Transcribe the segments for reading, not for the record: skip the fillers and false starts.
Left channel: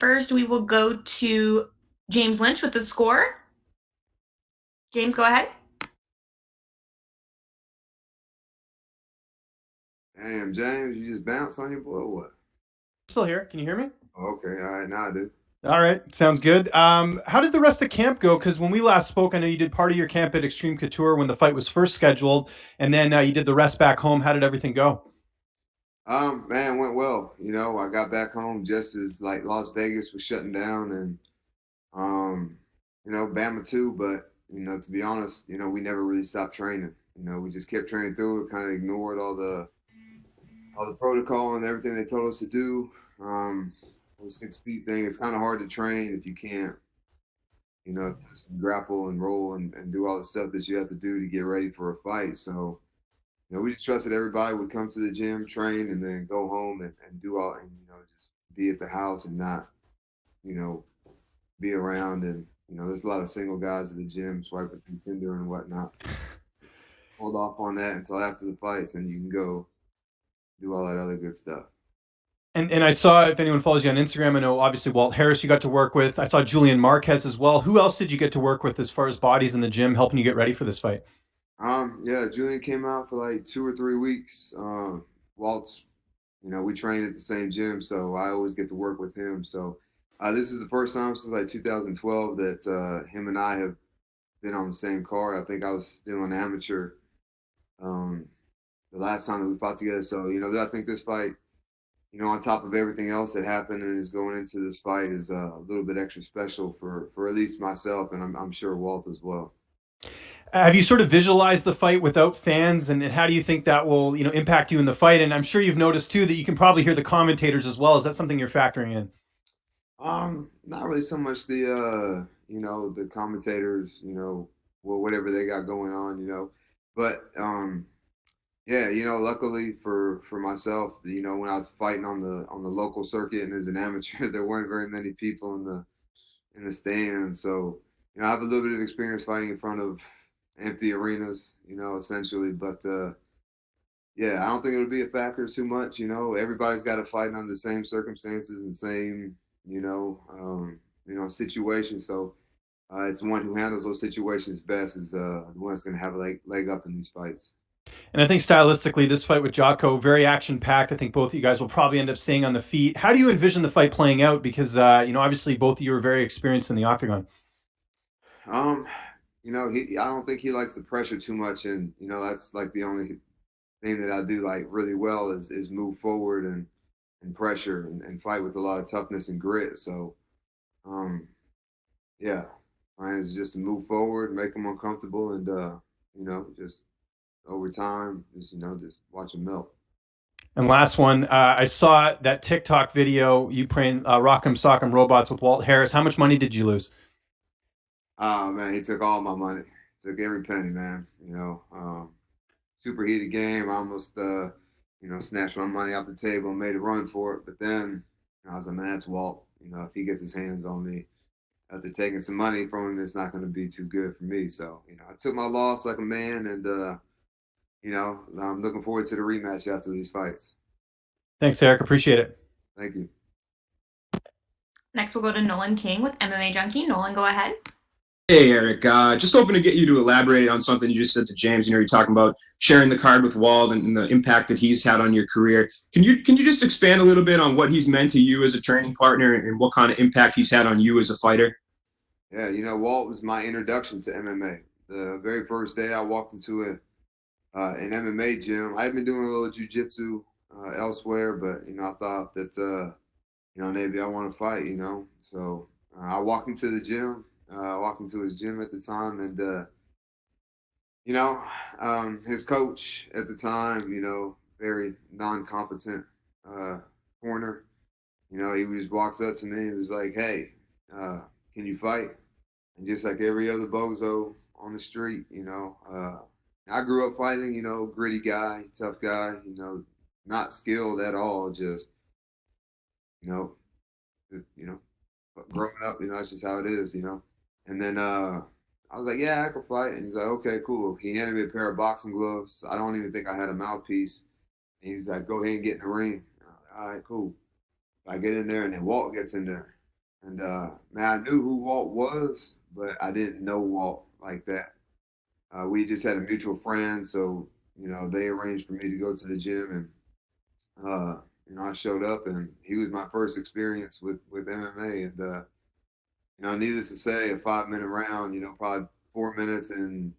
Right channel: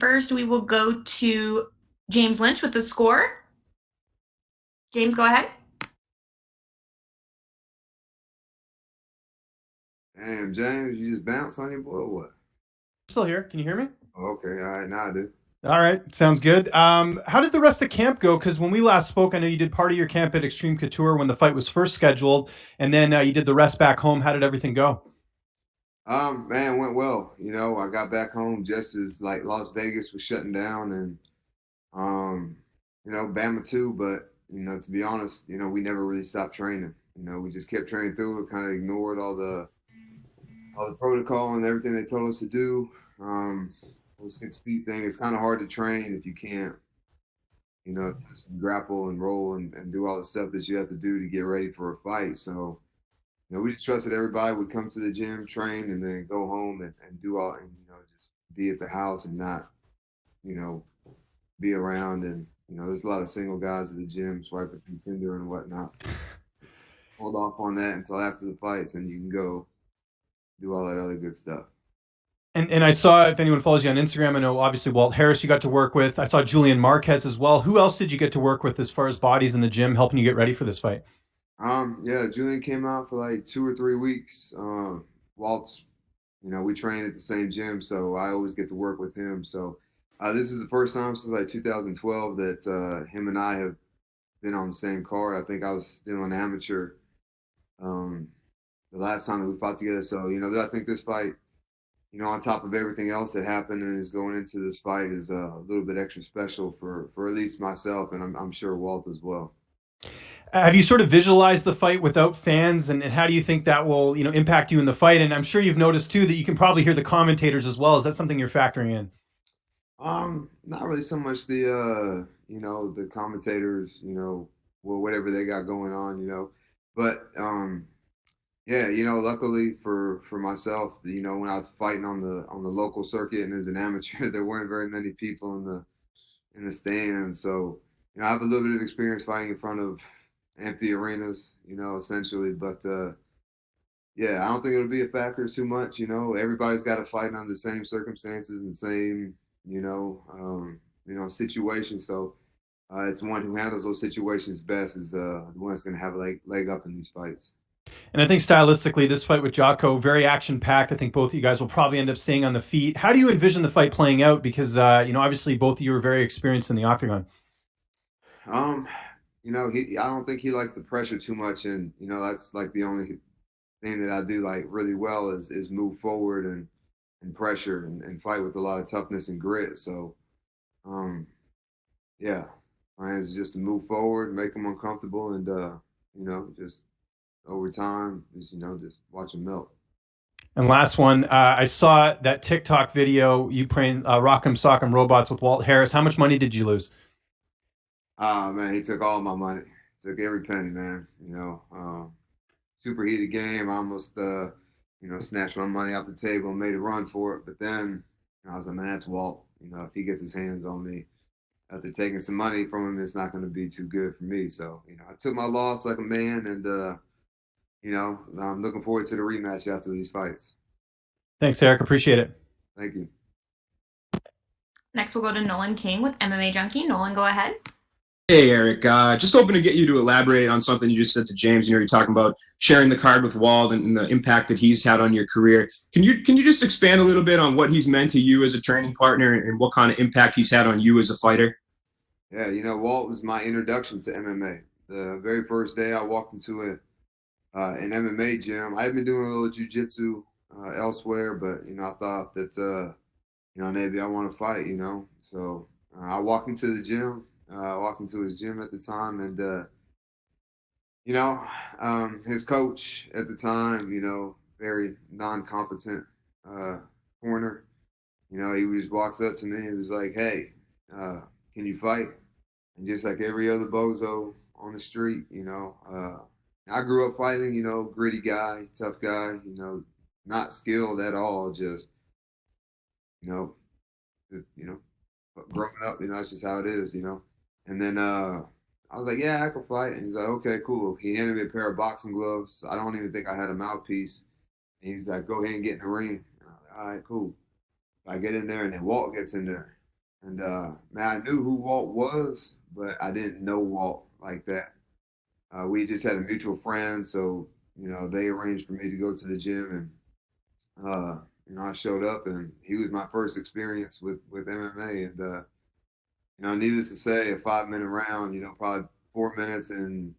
First, we will go to James Lynch with the score. James, go ahead. Damn, James, you just bounce on your boy or what? Still here. Can you hear me? Oh, okay, all right, now I do. All right, sounds good. How did the rest of camp go? Because when we last spoke, I know you did part of your camp at Extreme Couture when the fight was first scheduled, and then you did the rest back home. How did everything go? Man, went well. I got back home just as like Las Vegas was shutting down and um, Bama too, but to be honest, we never really stopped training. We just kept training through it, kind of ignored all the protocol and everything they told us to do. Um, the 6 feet thing, it's kind of hard to train if you can't, grapple and roll and do all the stuff that you have to do to get ready for a fight. So, we just trusted everybody would come to the gym, train, and then go home and do all, and, just be at the house and not, you know, be around. And, there's a lot of single guys at the gym swiping through Tinder and whatnot. Hold off on that until after the fights, and you can go do all that other good stuff. And I saw, if anyone follows you on Instagram, I know obviously Walt Harris you got to work with. I saw Julian Marquez as well. Who else did you get to work with as far as bodies in the gym, helping you get ready for this fight? Yeah, Julian came out for like 2 or 3 weeks. Walt's, we train at the same gym, so I always get to work with him. So this is the first time since like 2012 that him and I have been on the same card. I think I was still an amateur um, the last time that we fought together. So I think this fight, on top of everything else that happened and is going into this fight, is a little bit extra special for at least myself, and I'm sure Walt as well. Have you sort of visualized the fight without fans, and how do you think that will, impact you in the fight? And I'm sure you've noticed too that you can probably hear the commentators as well. Is that something you're factoring in? Not really so much the commentators, whatever they got going on, but yeah, luckily for myself, when I was fighting on the local circuit and as an amateur, there weren't very many people in the stands, so I have a little bit of experience fighting in front of empty arenas, essentially, but yeah, I don't think it'll be a factor too much. Everybody's got to fight under the same circumstances and same, situations. So it's the one who handles those situations best is the one that's going to have a leg up in these fights. And I think stylistically, this fight with Jocko, very action packed. I think both of you guys will probably end up staying on the feet. How do you envision the fight playing out? Because obviously both of you are very experienced in the octagon. Um, I don't think he likes the pressure too much, and that's like the only thing that I do like really well is move forward and pressure and fight with a lot of toughness and grit. So, um, yeah, plan is just to move forward, make them uncomfortable, and just over time, just watch them melt. And last one, I saw that TikTok video you playing Rock'em Sock'em Robots with Walt Harris. How much money did you lose? Ah, man, he took all my money. He took every penny, man. Super heated game. I almost, snatched my money off the table and made a run for it. But then I was like, man, that's Walt. If he gets his hands on me after taking some money from him, it's not going to be too good for me. So, I took my loss like a man, and I'm looking forward to the rematch after these fights. Thanks, Eryk. Appreciate it. Thank you. Next, we'll go to Nolan King with MMA Junkie. Nolan, go ahead. Hey, Eryk. Just hoping to get you to elaborate on something you just said to James. You're talking about sharing the card with Walt and the impact that he's had on your career. Can you just expand a little bit on what he's meant to you as a training partner and what kind of impact he's had on you as a fighter? Yeah, Walt was my introduction to MMA. The very first day I walked into an MMA gym, I had been doing a little jujitsu elsewhere, but I thought that maybe I want to fight. So I walked into the gym. I walked into his gym at the time, and you know, his coach at the time, very non-competent uh, corner. He just walks up to me and was like, "Hey, uh, can you fight?" And just like every other bozo on the street, I grew up fighting. Gritty guy, tough guy. Not skilled at all. Just you know, you know, but growing up, that's just how it is. And then I was like, "Yeah, I can fight." And he's like, "Okay, cool." He handed me a pair of boxing gloves. I don't even think I had a mouthpiece. And he was like, "Go ahead and get in the ring." And I was like, "All right, cool." I get in there, and then Walt gets in there. And man, I knew who Walt was, but I didn't know Walt like that. We just had a mutual friend, so they arranged for me to go to the gym, and I showed up, and he was my first experience with MMA, and needless to say, a 5 minute round, probably 4 minutes and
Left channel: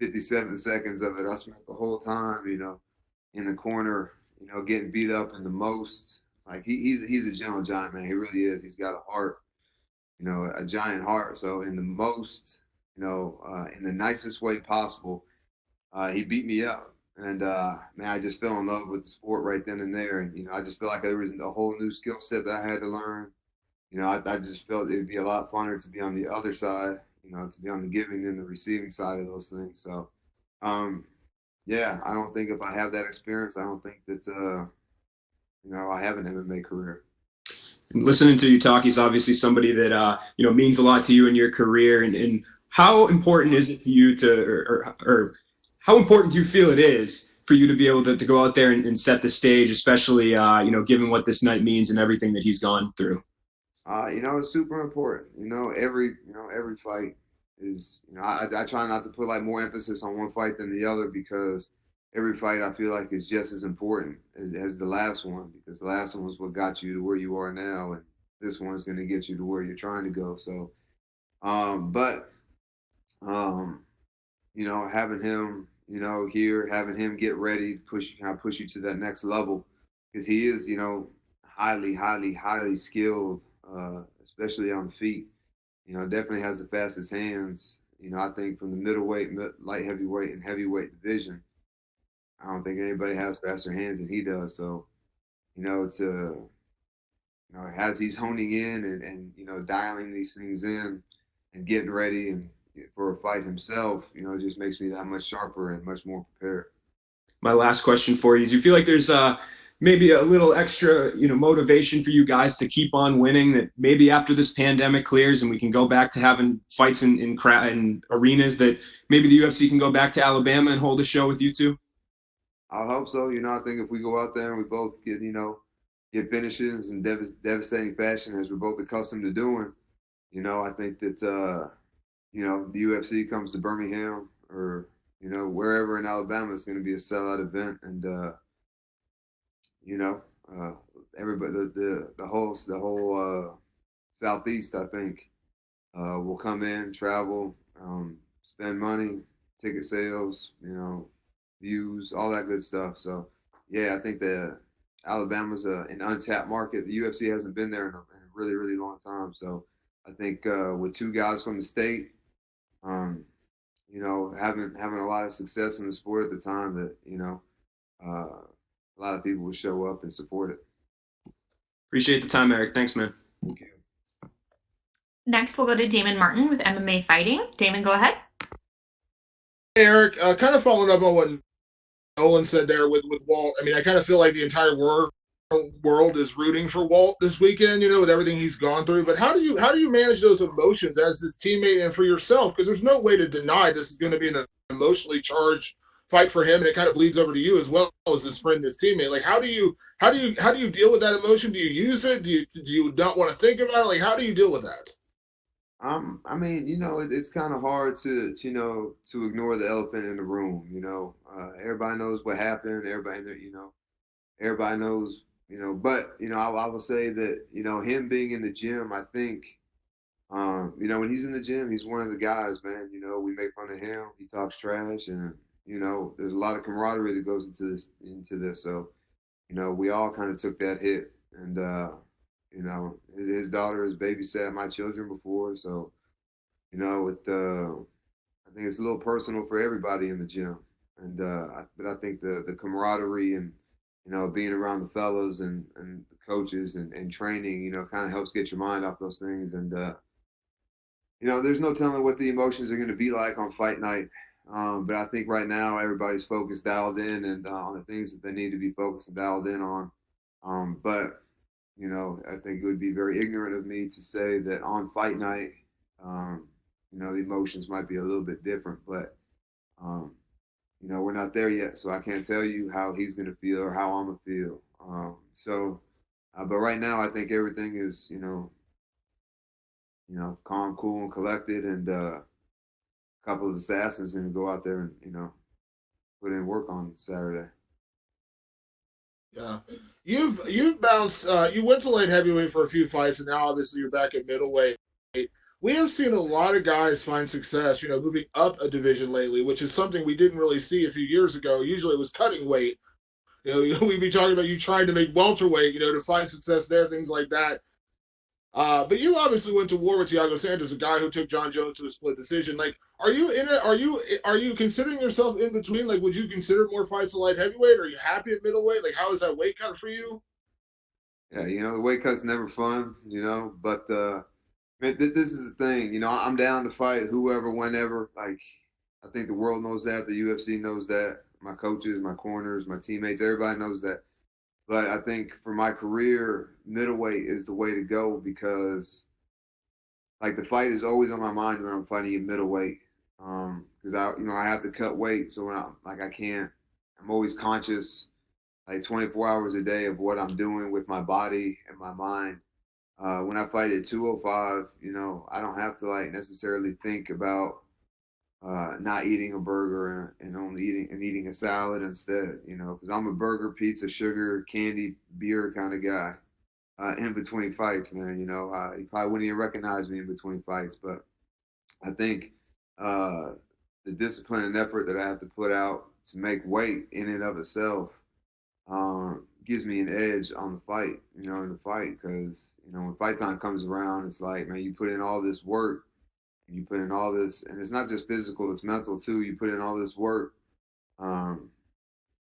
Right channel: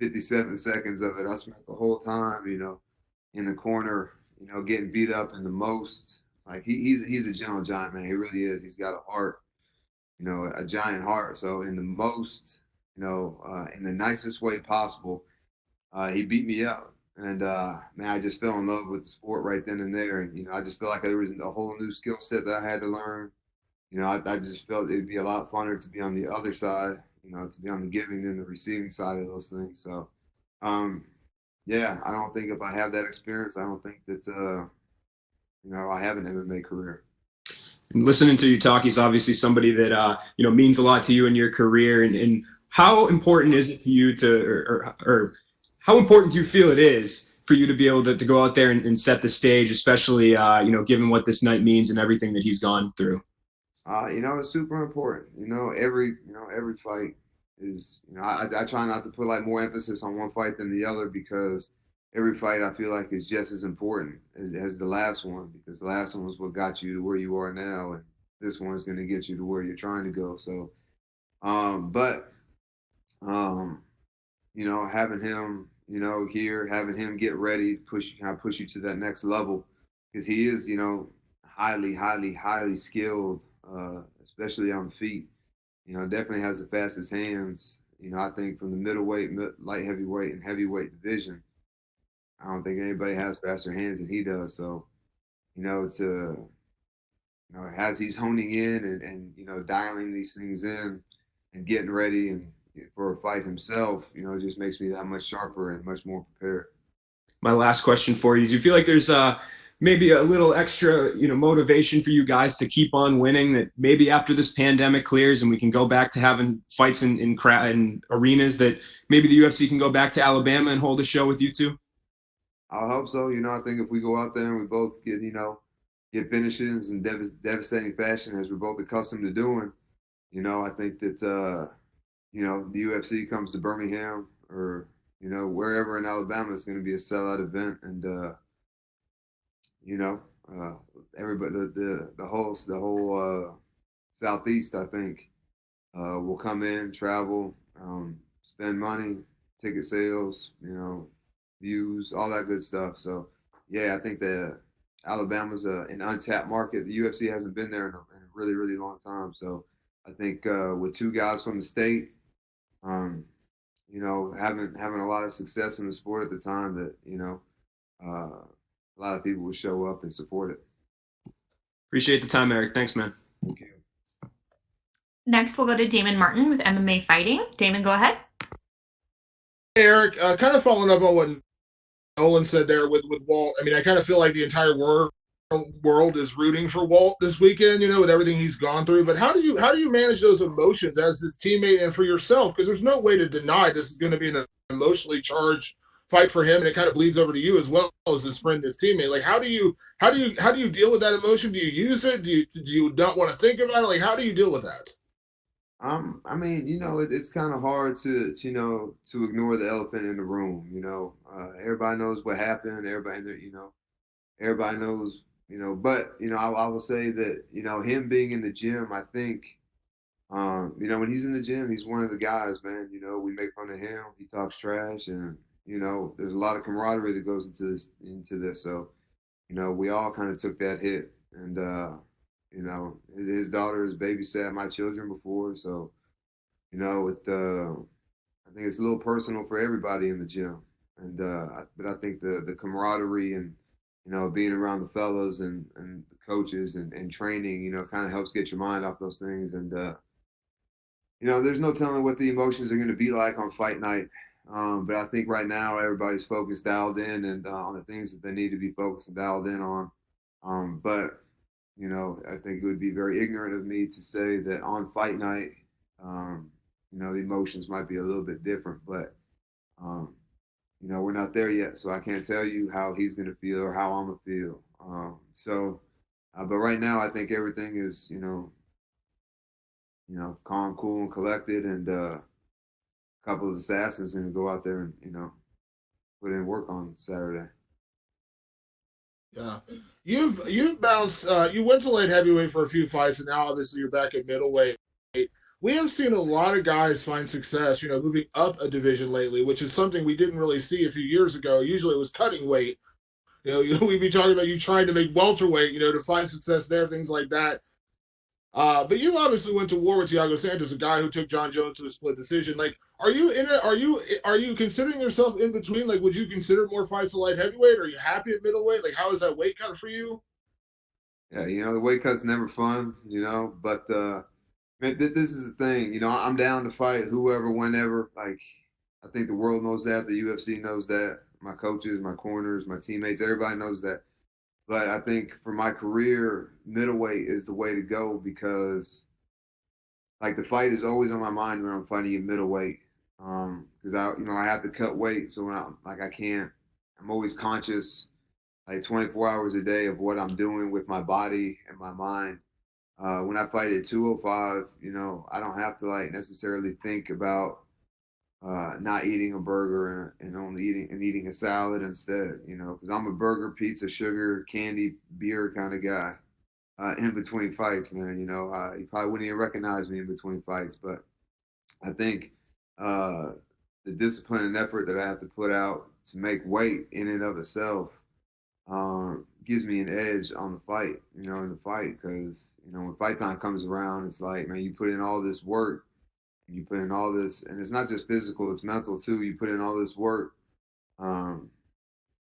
57 seconds of it, I spent the whole time, in the corner, getting beat up in the most. Like he's a gentle giant, man. He really is. He's got a heart, a giant heart. So in the most, in the nicest way possible, he beat me up. And man, I just fell in love with the sport right then and there. And I just feel like there was a whole new skill set that I had to learn. I just felt it'd be a lot funner to be on the other side, to be on the giving than the receiving side of those things. So, yeah, I don't think if I have that experience, I don't think that I have an MMA career. And listening to you talk, he's obviously somebody that means a lot to you in your career. And how important is it to you or how important do you feel it is for you to be able to go out there and set the stage, especially given what this night means and everything that he's gone through? It's super important. Every fight is. I try not to put like more emphasis on one fight than the other because every fight I feel like is just as important as the last one because the last one was what got you to where you are now, and this one's going to get you to where you're trying to go. So, but having him, here, having him get ready, push you to that next level, because he is, highly, highly, highly skilled, especially on the feet. Definitely has the fastest hands. I think from the middleweight, light heavyweight, and heavyweight division, I don't think anybody has faster hands than he does. So, as he's honing in and dialing these things in and getting ready and for a fight himself, it just makes me that much sharper and much more prepared. My last question for you: do you feel like there's maybe a little extra, motivation for you guys to keep on winning? That maybe after this pandemic clears and we can go back to having fights in arenas, that maybe the UFC can go back to Alabama and hold a show with you two? I hope so. I think if we go out there and we both get finishes in devastating fashion as we're both accustomed to doing, I think that the UFC comes to Birmingham or wherever in Alabama, it's going to be a sellout event, and everybody, the whole southeast, I think, will come in, travel, spend money, ticket sales, views, all that good stuff. So, yeah, I think that Alabama's an untapped market. The UFC hasn't been there in a really, really long time. So, I think with two guys from the state, having a lot of success in the sport at the time, that a lot of people would show up and support it. Appreciate the time, Eryk. Thanks, man. Thank you. Next, we'll go to Damon Martin with MMA Fighting. Damon, go ahead. Hey, Eryk, kind of following up on what Nolan said there with Walt. I mean, I kind of feel like the entire world is rooting for Walt this weekend, with everything he's gone through. But how do you manage those emotions as his teammate and for yourself? Because there's no way to deny this is going to be an emotionally charged fight for him, and it kind of bleeds over to you as well as his friend, his teammate. Like, how do you deal with that emotion? Do you use it? Do you not want to think about it? Like, how do you deal with that? I mean, it's kind of hard to ignore the elephant in the room. Everybody knows what happened. Everybody knows. But I will say that him being in the gym, I think, when he's in the gym, he's one of the guys, man. We make fun of him. He talks trash, and there's a lot of camaraderie that goes into this. So, we all kind of took that hit, and his daughter has babysat my children before, so I think it's a little personal for everybody in the gym, and but I think the camaraderie and being around the fellas and the coaches and training, kind of helps get your mind off those things, and there's no telling what the emotions are going to be like on fight night. But I think right now everybody's focused, dialed in, and on the things that they need to be focused and dialed in on. But I think it would be very ignorant of me to say that on fight night, the emotions might be a little bit different. But we're not there yet, so I can't tell you how he's going to feel or how I'm going to feel. But right now, I think everything is calm, cool, and collected, and a couple of assassins, and go out there and put in work on Saturday. Yeah, you've bounced. You went to light heavyweight for a few fights, and now obviously you're back at middleweight. We have seen a lot of guys find success, moving up a division lately, which is something we didn't really see a few years ago. Usually it was cutting weight. We'd be talking about you trying to make welterweight, to find success there, things like that. But you obviously went to war with Thiago Santos, a guy who took John Jones to a split decision. Like, are you in it? Are you considering yourself in between? Like, would you consider more fights at light heavyweight? Are you happy at middleweight? Like, how is that weight cut for you? Yeah, the weight cut's never fun, but man, this is the thing. I'm down to fight whoever, whenever. Like, I think the world knows that. The UFC knows that. My coaches, my corners, my teammates, everybody knows that. But I think for my career, middleweight is the way to go because, like, the fight is always on my mind when I'm fighting in middleweight. Because I have to cut weight, so when I can't. I'm always conscious, like 24 hours a day, of what I'm doing with my body and my mind. When I fight at 205, I don't have to like necessarily think about not eating a burger and only eating a salad instead. Because I'm a burger, pizza, sugar, candy, beer kind of guy. In between fights, man, you probably wouldn't even recognize me in between fights, but I think the discipline and effort that I have to put out to make weight in and of itself gives me an edge on the fight, in the fight, because when fight time comes around, it's like, man, you put in all this work, you put in all this, and it's not just physical, it's mental too. You put in all this work, um,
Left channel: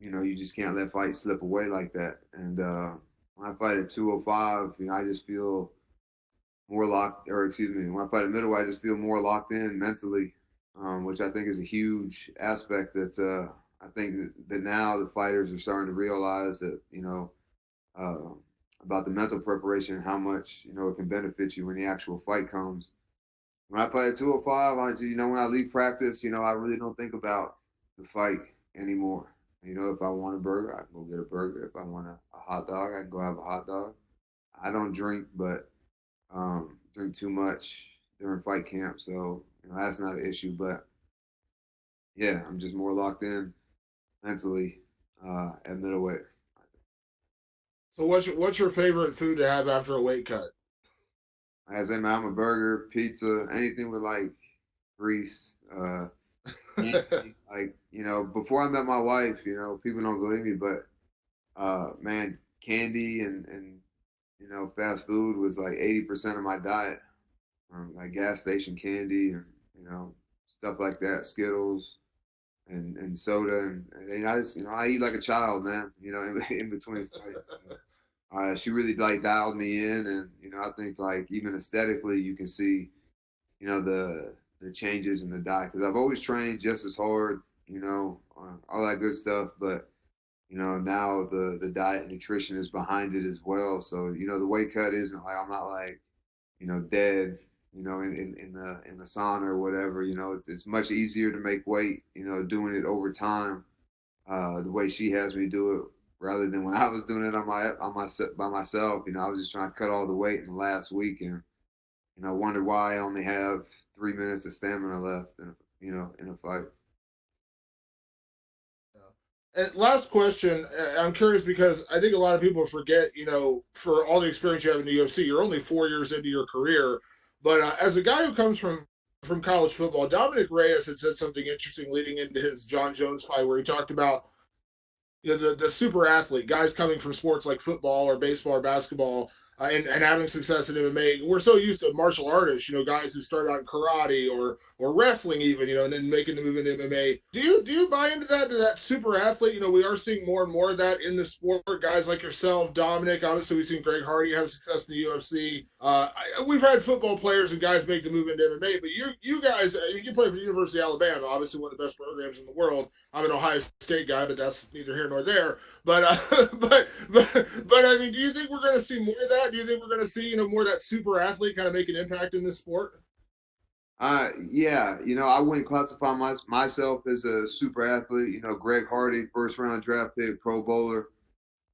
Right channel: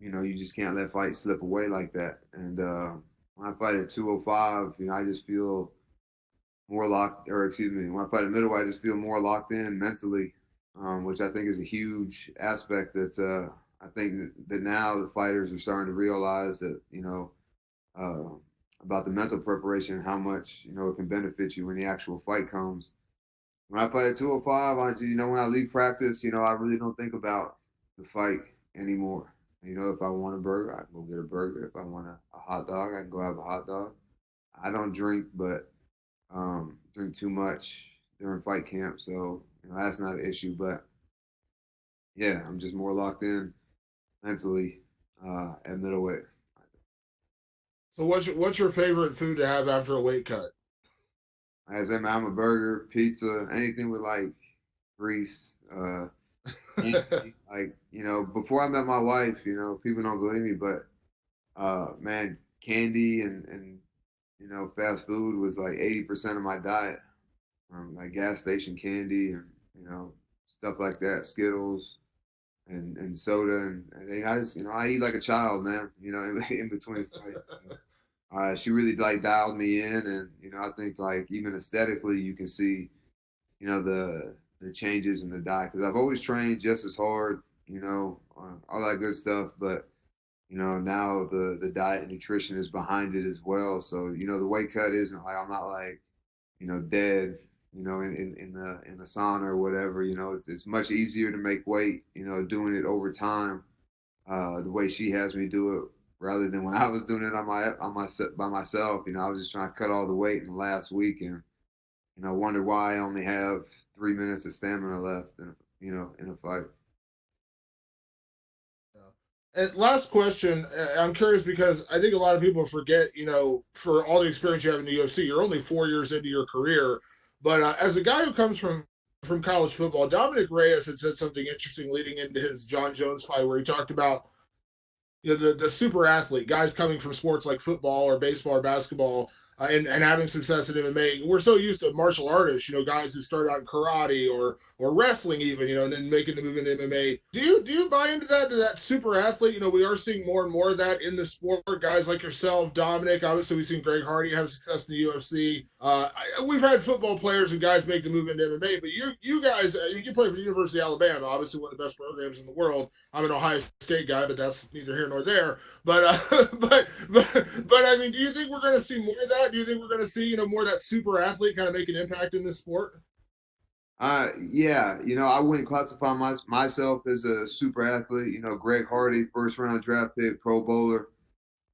you just can't let fight slip away like that. And when I fight at 205, I just feel more locked, or excuse me, when I fight at middleweight, I just feel more locked in mentally, which I think is a huge aspect that I think that now the fighters are starting to realize that, uh, about the mental preparation and how much, it can benefit you when the actual fight comes. When I fight at 205, when I leave practice, I really don't think about the fight anymore. If I want a burger, I can go get a burger. If I want a hot dog, I can go have a hot dog. I don't drink, but drink too much during fight camp, so that's not an issue. But yeah, I'm just more locked in mentally at middleweight. So what's your favorite food to have after a weight cut? Like I said, man, I'm a burger, pizza, anything with like grease. Like before I met my wife, people don't believe me, but man, candy and fast food was like 80% of my diet. Like gas station candy and you know stuff like that, Skittles and soda and I just I eat like a child, man. In between fights. So, she really like dialed me in, and I think like even aesthetically, you can see the changes in the diet because I've always trained just as hard, all that good stuff, but now the diet and nutrition is behind it as well. So the weight cut isn't like I'm not like dead, in the sauna or whatever. It's much easier to make weight, doing it over time, the way she has me do it, rather than when I was doing it by myself. I was just trying to cut all the weight in the last week, and wonder why I only have 3 minutes of stamina left, in a fight. And last question, I'm curious because I think a lot of people forget, for all the experience you have in the UFC, you're only 4 years into your career. But as a guy who comes from college football, Dominic Reyes had said something interesting leading into his John Jones fight, where he talked about the super athlete guys coming from sports like football or baseball or basketball, and having success in MMA. We're so used to martial artists, guys who start out in karate or wrestling even, and then making the move into MMA. Do you buy into that, to that super athlete? We are seeing more and more of that in the sport. Guys like yourself, Dominic. Obviously, we've seen Greg Hardy have success in the UFC. We've had football players and guys make the move into MMA, but you guys, you play for the University of Alabama, obviously one of the best programs in the world. I'm an Ohio State guy, but that's neither here nor there. But but I mean, do you think we're going to see more of that? Do you think we're going to see more of that super athlete kind of make an impact in this sport? Yeah, I wouldn't classify myself as a super athlete. Greg Hardy, first round draft pick, Pro Bowler,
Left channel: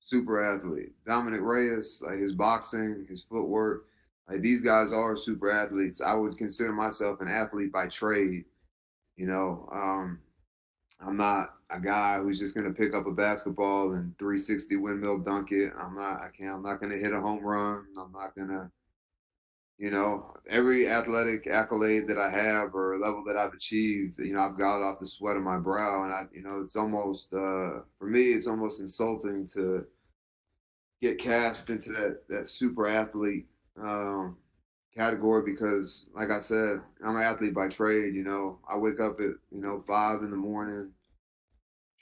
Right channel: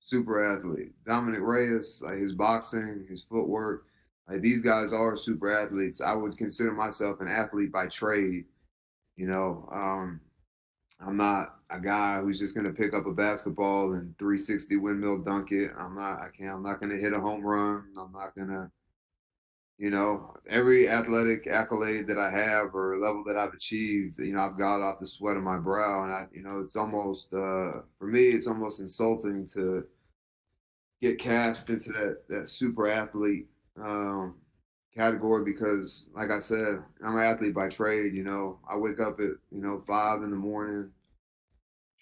super athlete. Dominic Reyes, like his boxing, his footwork, Like these guys are super athletes. I would consider myself an athlete by trade. You know, I'm not a guy who's just gonna pick up a basketball and 360 windmill dunk it. I'm not gonna hit a home run. I'm not gonna, you know, every athletic accolade that I have or level that I've achieved, you know, I've got off the sweat of my brow. And you know, it's almost, for me, it's almost insulting to get cast into that super athlete category because, like I said, I'm an athlete by trade. You know, I wake up at, you know, 5 in the morning,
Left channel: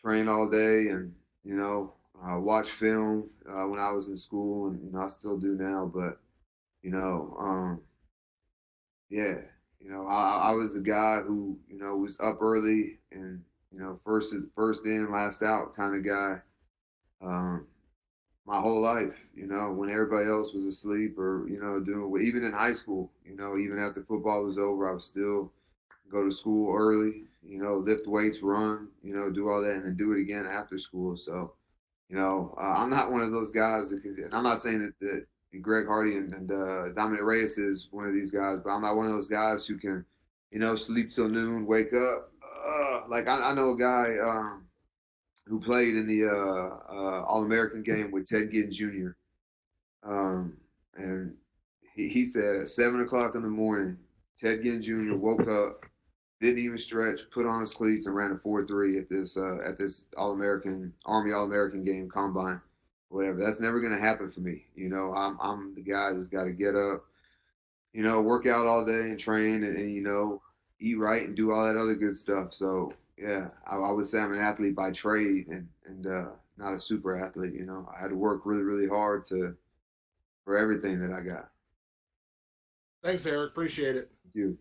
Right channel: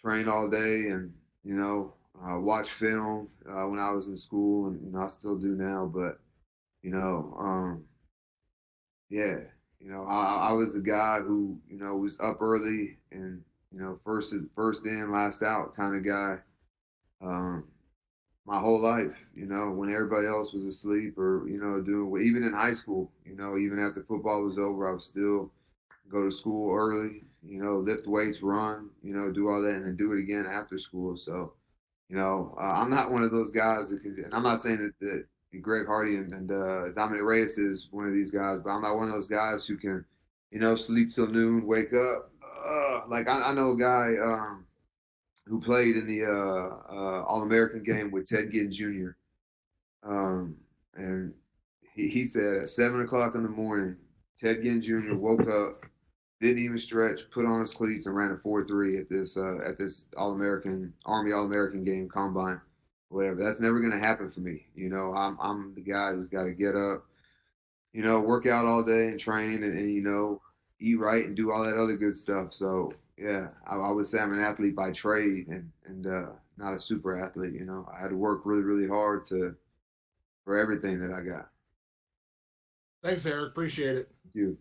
train all day, and, you know, watch film when I was in school, and, you know, I still do now. But, you know, yeah, you know, I was the guy who, you know, was up early and, you know, first in, last out kind of guy. Um, my whole life, you know, when everybody else was asleep or, you know, even in high school, you know, even after football was over, I would still go to school early, you know, lift weights, run, you know, do all that and then do it again after school. So, you know, I'm not one of those guys that can, and I'm not saying that Greg Hardy and Dominic Reyes is one of these guys, but I'm not one of those guys who can, you know, sleep till noon, wake up. Like I know a guy, who played in the All American game with Ted Ginn Jr. And he said at 7 o'clock in the morning, Ted Ginn Jr. woke up, didn't even stretch, put on his cleats, and ran a 4.3 at this All American Army All American game combine, whatever. That's never going to happen for me. You know, I'm the guy who's got to get up, you know, work out all day and train and you know, eat right and do all that other good stuff. So yeah, I would say I'm an athlete by trade and not a super athlete. You know, I had to work really really hard to for everything that I got. Thanks, Eryk. Appreciate it. Thank you.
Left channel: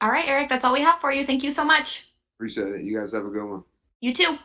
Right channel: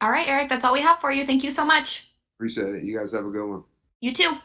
All right, Eryk, that's all we have for you. Thank you so much. Appreciate it. You guys have a good one. You too.